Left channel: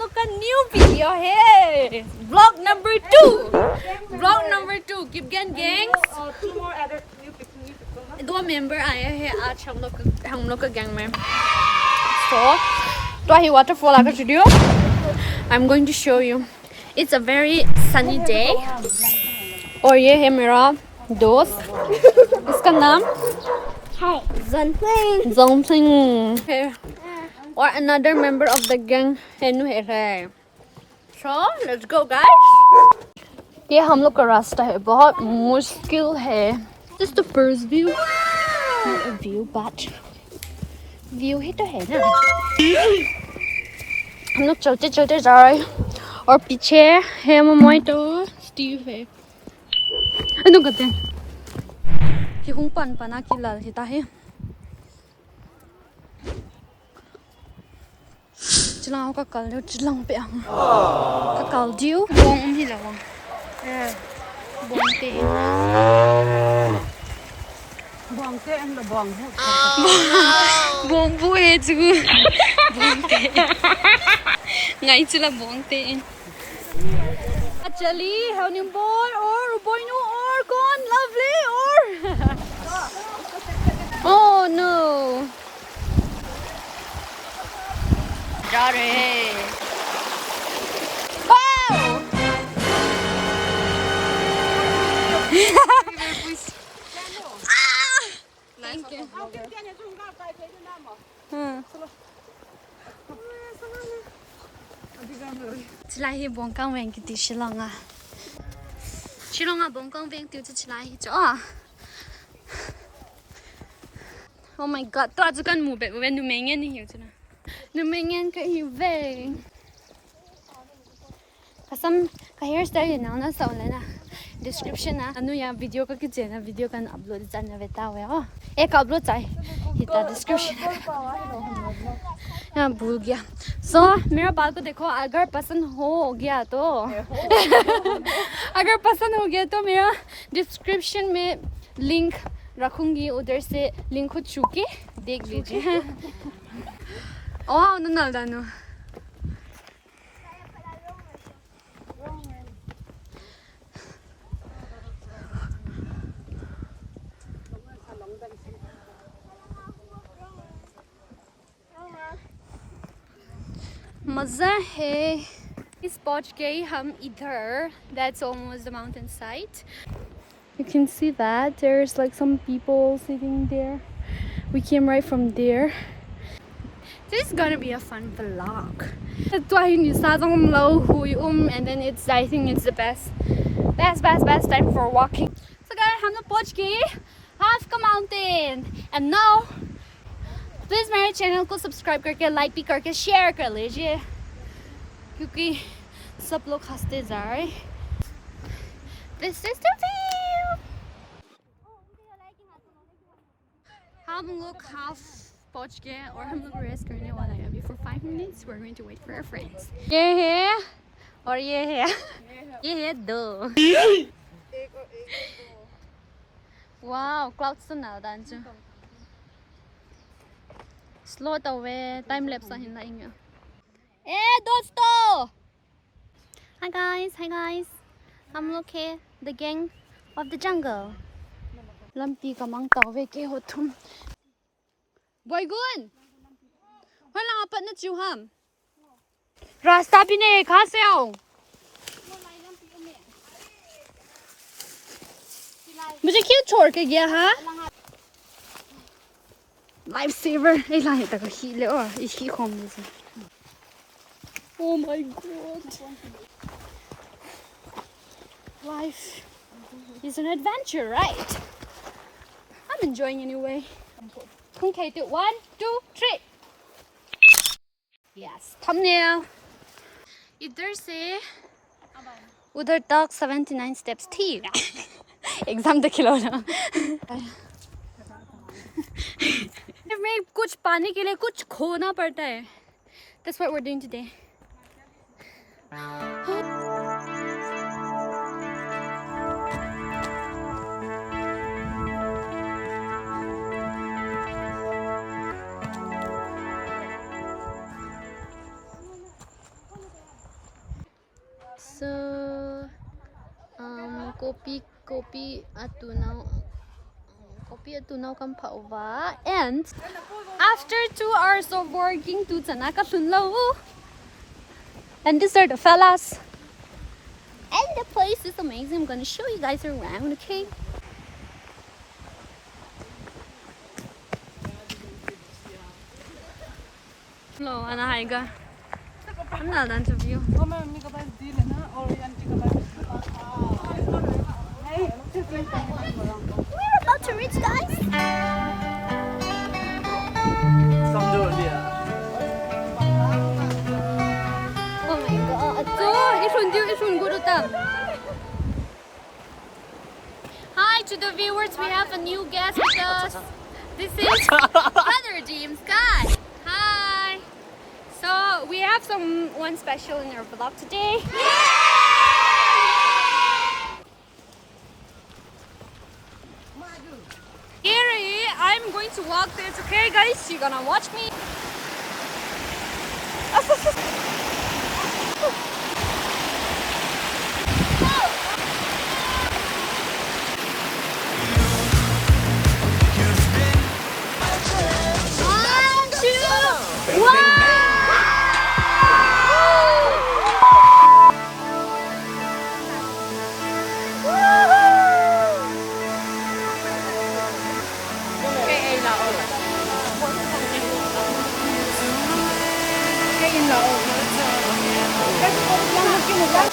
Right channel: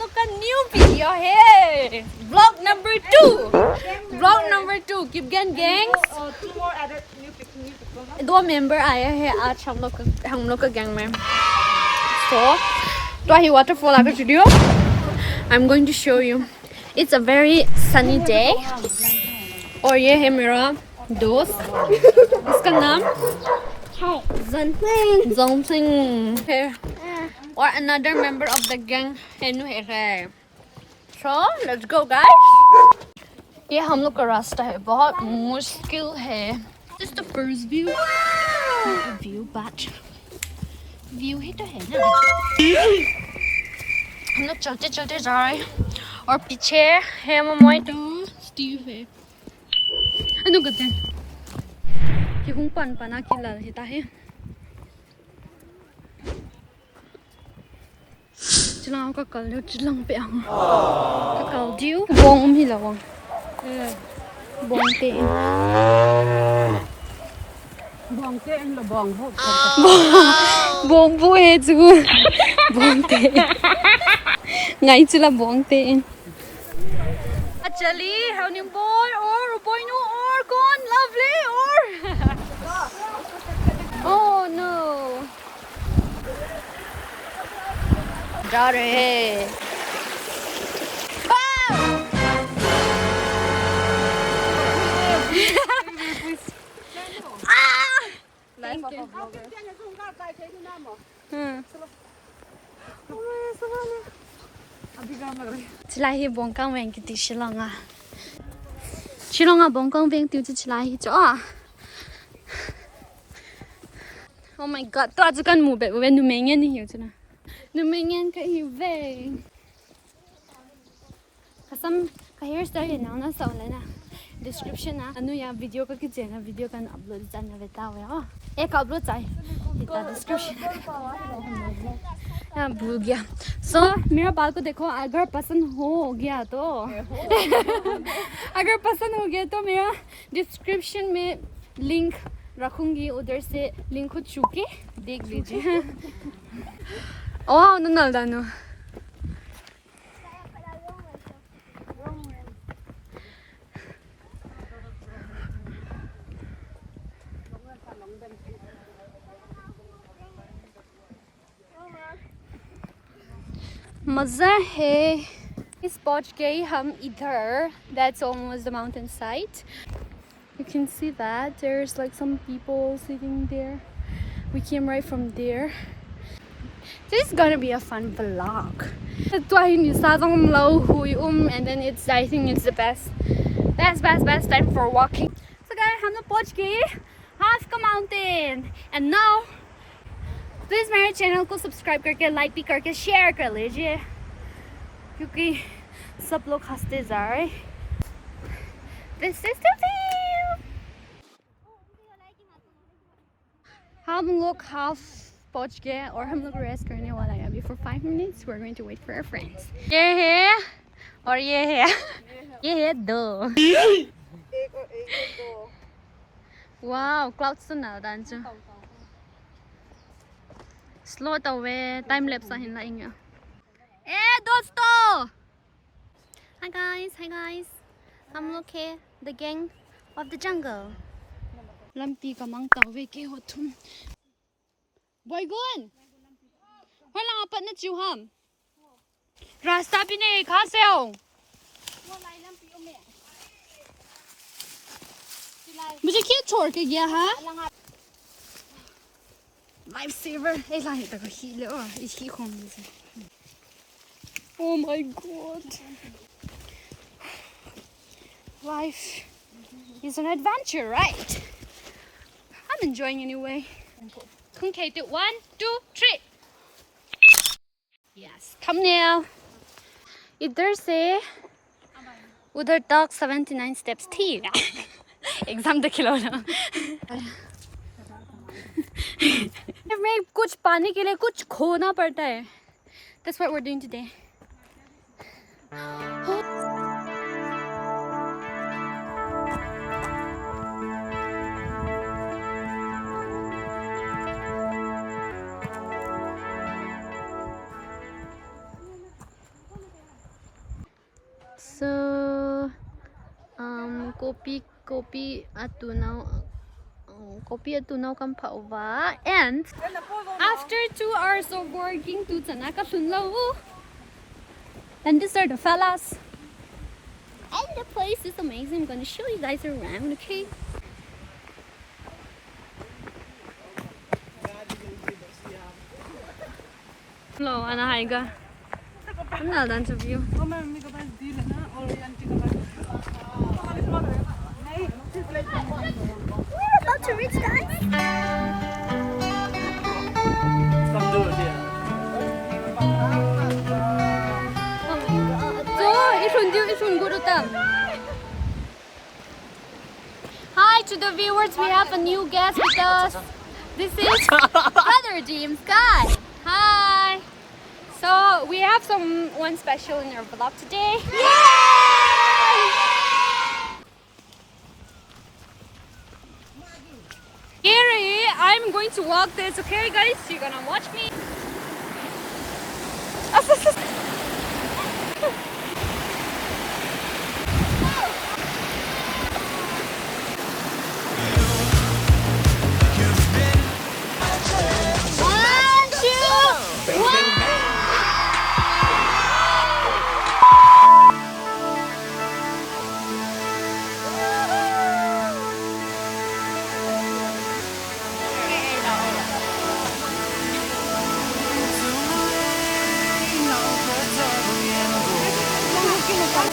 लोग का new video है blog number 2 keep gang gangs 2 member आया है आज हम लोग का गैंग में so तो ही waterfall आकर video I'm going to show you it's a very sunny day और ये है मेरा दोस्त इसका नाम Zongping है और another member of the gang है so let's go guys ये हम लोग का रास्ता है बहुत मुश्किल है this is the first view not a view but view ही तो है ना हम लोग चलते चलते जा रहे हैं और पीछे है मम्मी तो स्टीव है ano kate ki kung pan pana kilal kita he chilang ka kal lo chilang pe ang ka kal diu bong hi lawang bong te anh là bong vụ bong bu he chu bong te ngai chila bong te actually how nim boy or boy no or gone lovely or oh no जा रहे हैं thank you Chilai hi bongkang weng ki ti Shillong a bongkang weng tu chi chilai hi cho a oh my god to azu kan mu be wen nu mengen ni hiu chuna nu mengen ka hi ve kasam ka hairstyle na na sa le na description na anu ya video ka ki chena video kan upload chan na beta we ho ek upload chai hita description हाँ भूल गया so मेरा बाल को देखो अगर पसंद हो गया तो अगर पसंद हो गया तो मेरा डिस्क्रिप्शन में लिंक रखूंगी उधर से लिंक को छू के देख लीजिए ओह नो दानो मज़ा है इस पहुंच गए हम इधर that's almost the mountain side you can see that there's like some people sitting there we came right from there this is gonna be a fun vlog and then it's I think it's the best time for walking so guys हम लोग पहुंच गए half का mountain and now please मेरे channel को subscribe करके like भी करके शेयर कर लीजिए क्योंकि सब लोग हंसते जा रहे This is the view हम लोग हाफ पहुंच गए और हम लोग रेस्ट करने वाला है अभी for 5 minutes we're going to wait for our friends ये है और ये है दो wow clouds to now dancho slow away time lapse hin la inga dosto hi guys हम लोग है the gang of the jungle lampi kamang tawe ke ho thum boy gun hola apat na chu ham रास्ता भी नहीं कहां से आओ मुझे क्यों छोड़ के गया हाँ लाइफ सेवर नहीं लाए तक ही ले और इसकी कौन से oh my god life is an adventure right I'm enjoying anyway okay 1 2 3 yes come now इधर से उधर तक 79 steps थी एग्जाम तो खिलो ना में कुछ पाने के लिए कुछ खोना पड़ता है that's what we're doing today So kopi atunaw kam pauva, and after 2 hours of working to Tanaka Shunlo, and these are the fellas, and the place is amazing. I'm gonna show you guys around, okay? Hello, Anna Haiga. I'm not an interview. We're about to reach, guys. Hi to the viewers, we have a new guest with us. This is Brother James Guy. Hi. So we have someone special in our vlog today. Gary, I'm going to walk this, okay guys? You're gonna watch me.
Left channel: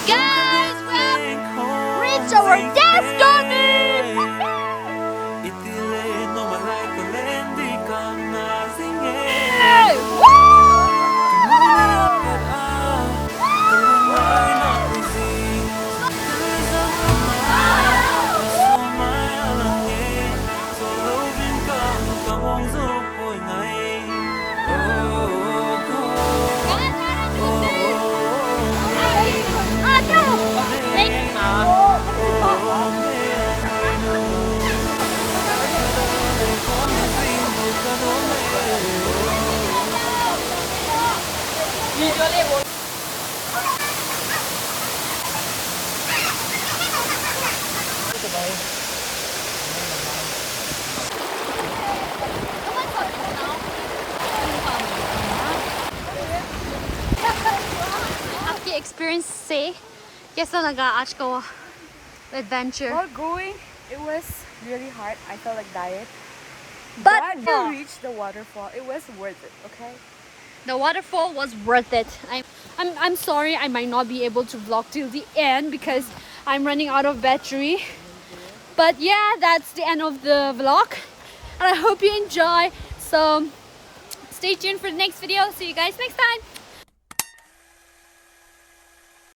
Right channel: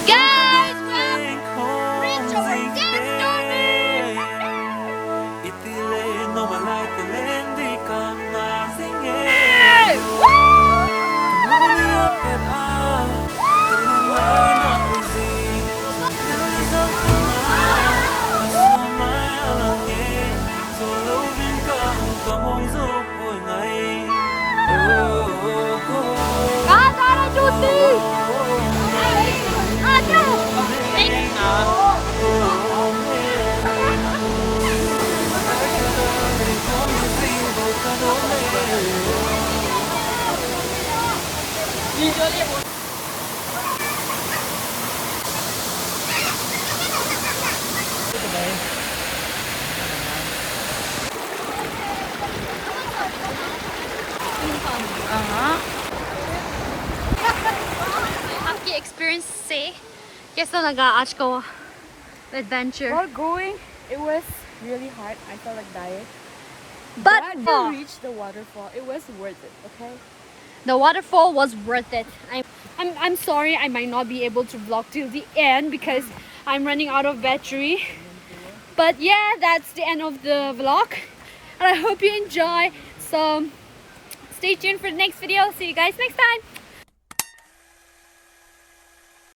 Guys, reach our destiny! आपकी experience से कैसा लगा आज का adventure? While going, it was really hard. I felt like dying. But to reach the waterfall, it was worth it. Okay. the waterfall was worth it. I'm sorry I might not be able to vlog till the end because I'm running out of battery. But yeah, that's the end of the vlog. And I hope you enjoy. So stay tuned for the next video. See you guys next time.